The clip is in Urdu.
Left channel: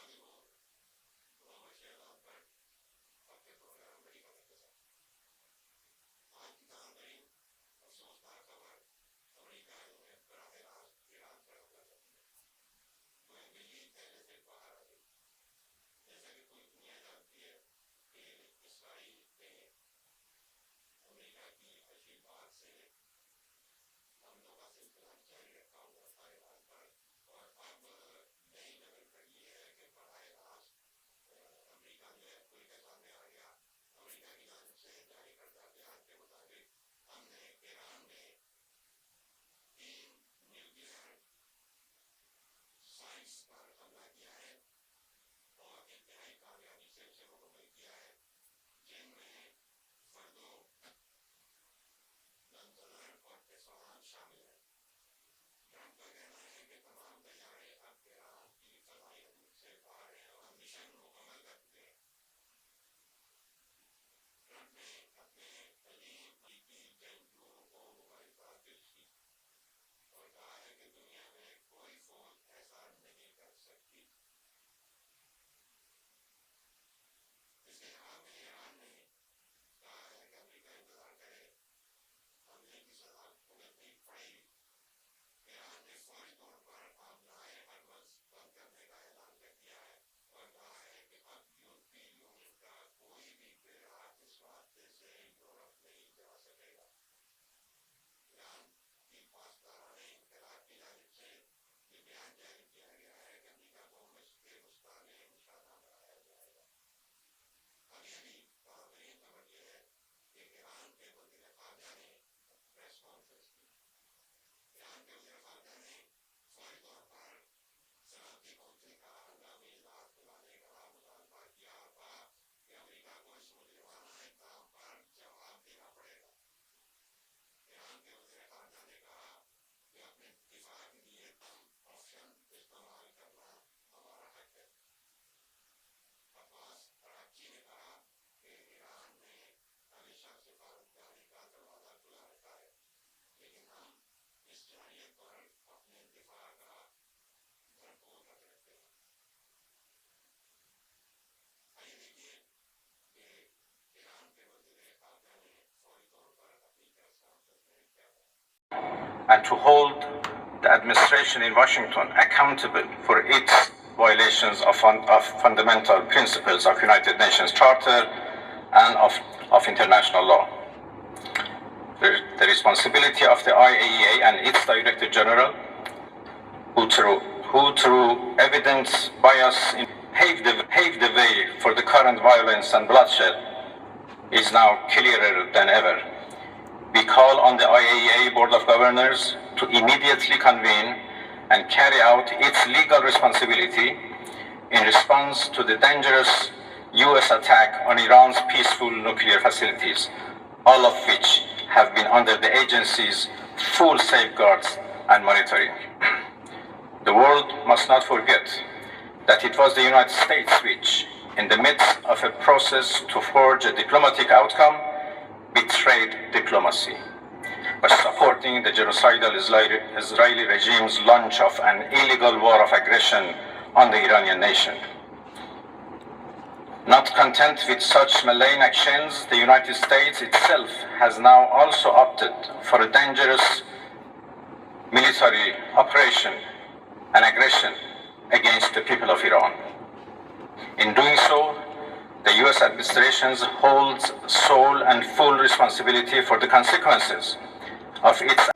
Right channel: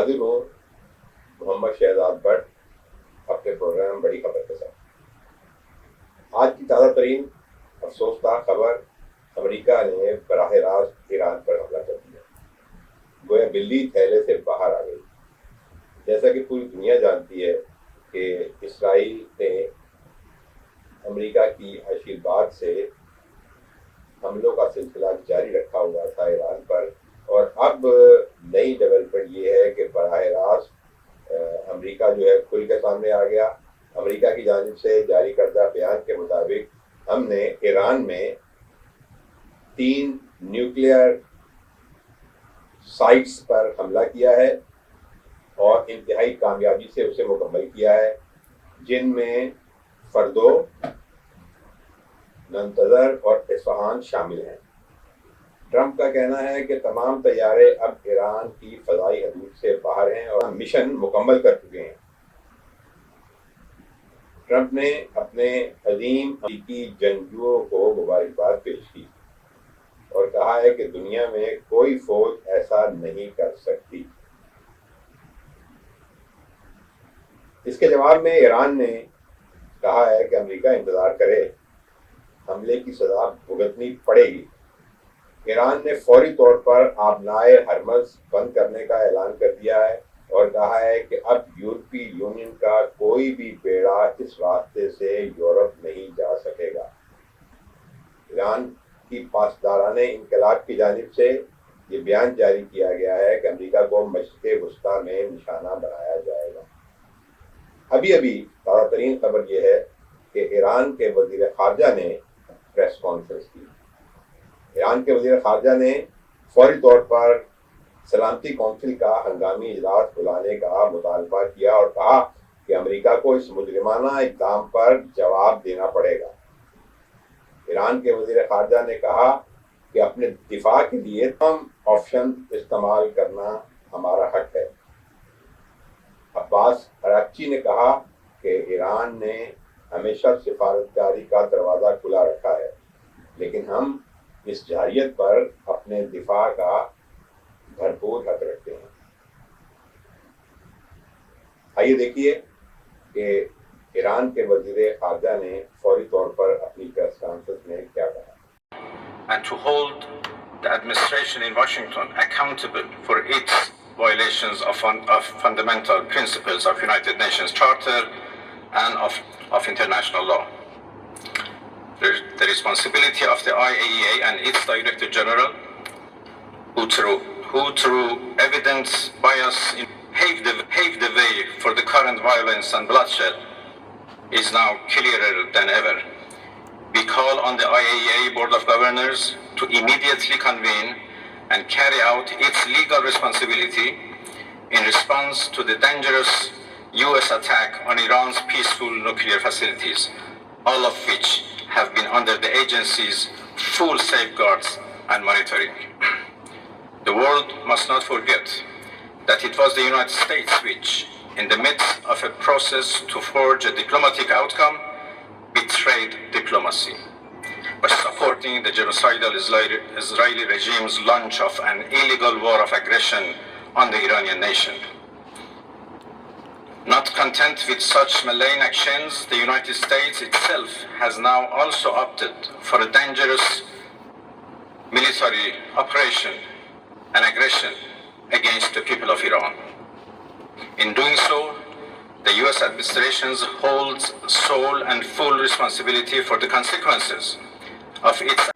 حاضر ہوں محمد شہزاد بٹ اپنے پروگرام بڑی خبر کے ساتھ۔ آج کی تازہ ترین افسوسناک خبر، امریکہ نے براہ راست ایران پر حملہ کر دیا، گویا بلی تھیلے سے باہر آ گئی۔ جیسا کہ پوری دنیا جانتی ہے کہ اسرائیل نے امریکہ کی عشیر بعد سے حملوں کا سلسلہ جاری رکھا ہوا تھا ایران پر، اور اب نئی ڈیولپمنٹ یہ ہے کہ براہ راست امریکہ جو ہے کھل کے سامنے آ گیا۔ امریکہ کی جانب سے جاری کردہ بیان کے مطابق ہم نے ایران میں 3 نیوکلیئر سائٹس پر حملہ کیا ہے اور انتہائی کامیابی سے اسے مکمل کیا ہے، جن میں فردو، ننتظر اور اصفہان شامل ہیں۔ ٹرمپ کا کہنا ہے کہ تمام طیارے اب ایران کی فضائی حدود سے باہر ہیں اور مشن مکمل کر چکے ہیں۔ ٹرمپ نے اپنے عظیم امریکی جنگجوؤں کو مبارکباد پیش کی اور کہا ہے کہ دنیا میں کوئی فوج ایسا نہیں کر سکتی۔ اس کے جواب میں ایران نے کہا ہے کہ امریکہ انتظار کرے، حملے کی سزا بھگتنی پڑے گی۔ ایران نے فوری طور پر آبنائے ہرمز بند کرنے کا اعلان کر دیا ہے اور کہا ہے کہ اب یورپی یونین کا کوئی بھی بیڑا اس راستے سے یورپ نہیں جا سکے گا۔ ایران کی پاسدارانہ انقلاب کی جانب سے یہ بیان جاری کیا گیا ہے کہ امریکہ کو مشرق وسطیٰ میں نشانہ بنایا جائے گا۔ ابھی تازہ ترین خبر یہ ہے کہ ایران کے وزیر خارجہ نے پریس کانفرنس کی۔ ایران کے وزیر خارجہ نے فوری طور پر سلامتی کونسل کا ہنگامی اجلاس بلانے کا مطالبہ کیا اور کہا کہ امریکہ کو اس مجرمانہ اقدام پر جواب دینا پڑے گا۔ ایران کے وزیر خارجہ نے کہا کہ اپنے دفاع کے لیے تمام آپشن استعمال کرنا ہمارا حق ہے۔ عباس اراغچی نے کہا کہ ایران نے ہمیشہ سفارتکاری کا دروازہ کھلا رکھا ہے، لیکن ہم اس جارحیت پر اپنے دفاع کا بھرپور حق رکھتے ہیں۔ آئیے دیکھیے کہ ایران کے وزیر خارجہ نے فوری طور پر اپنی پریس کانفرنس میں کیا کہا۔ And to hold the administration in Washington accountable for its violations of fundamental principles of United Nations Charter and of international law. The responsibility of the IAEA and its Director General, who through evidence bias paved the way for the current violence and bloodshed, is now clearer than ever. We call on the IAEA Board of Governors to immediately convene and carry out its legal responsibility in response to the dangerous US attack on Iran's peaceful nuclear facilities, all of which have been under the agency's full safeguards and monitoring. The world must not forget that it was the United States which, in the midst of a process to forge a diplomatic outcome, betrayed diplomacy by supporting the genocidal Israeli regime's launch of an illegal war of aggression on the Iranian nation. Not content with such malign actions, the United States itself has now also opted for a dangerous military operation and aggression against the people of Iran. In doing so, the US administration holds sole and full responsibility for the consequences of its